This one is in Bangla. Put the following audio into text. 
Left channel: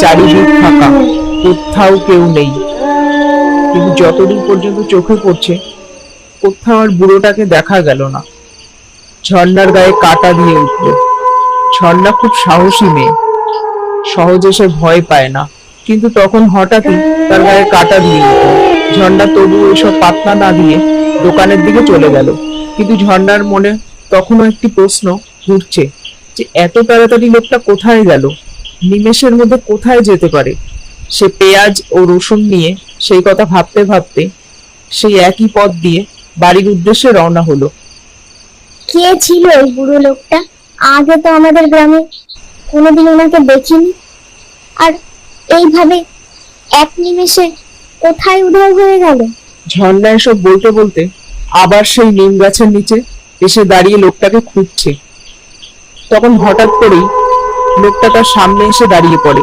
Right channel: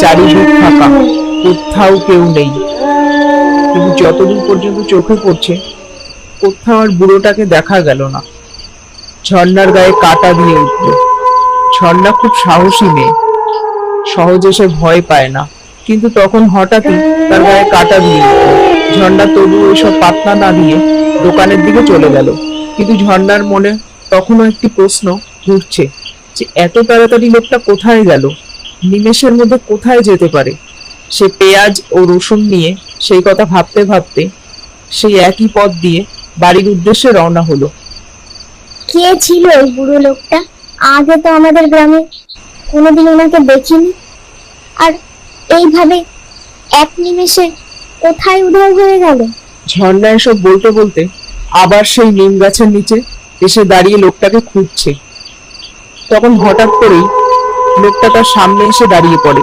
চারিদিক ফাঁকা, কোথাও কেউ নেই। কিন্তু যতদিন পর্যন্ত চোখে পড়ছে, কোথাও আর বুড়োটাকে দেখা গেল না। ঝর্ণার গায়ে কাঁটা দিয়ে উঠল। ঝর্ণা খুব সাহসী মেয়ে, সহজে সে ভয় পায় না। কিন্তু তখন হঠাৎই তার গায়ে কাঁটা দিয়ে উঠল। ঝর্ণা তবু ওইসব পাত্তা না দিয়ে দোকানের দিকে চলে গেল। কিন্তু ঝর্ণার মনে তখনও একটি প্রশ্ন ঘুরছে, যে এত তাড়াতাড়ি লোকটা কোথায় গেল, নিমেষের মধ্যে কোথায় যেতে পারে। সে পেঁয়াজ ও রসুন নিয়ে সেই কথা ভাবতে ভাবতে সেই একই পথ দিয়ে বাড়ির উদ্দেশ্যে রওনা হলো। কে ছিল ওই বুড়ো লোকটা? আগে তো আমাদের গ্রামে কোনোদিন ওনাকে দেখিনি। আর এইভাবে এক নিমেষে কোথায় উধাও হয়ে গেল? ঝর্ণা এসব বলতে বলতে আবার সেই নিম গাছের নিচে এসে দাঁড়িয়ে লোকটাকে খুঁজছে। তখন হঠাৎ করেই লোকটা তার সামনে এসে দাঁড়িয়ে পড়ে।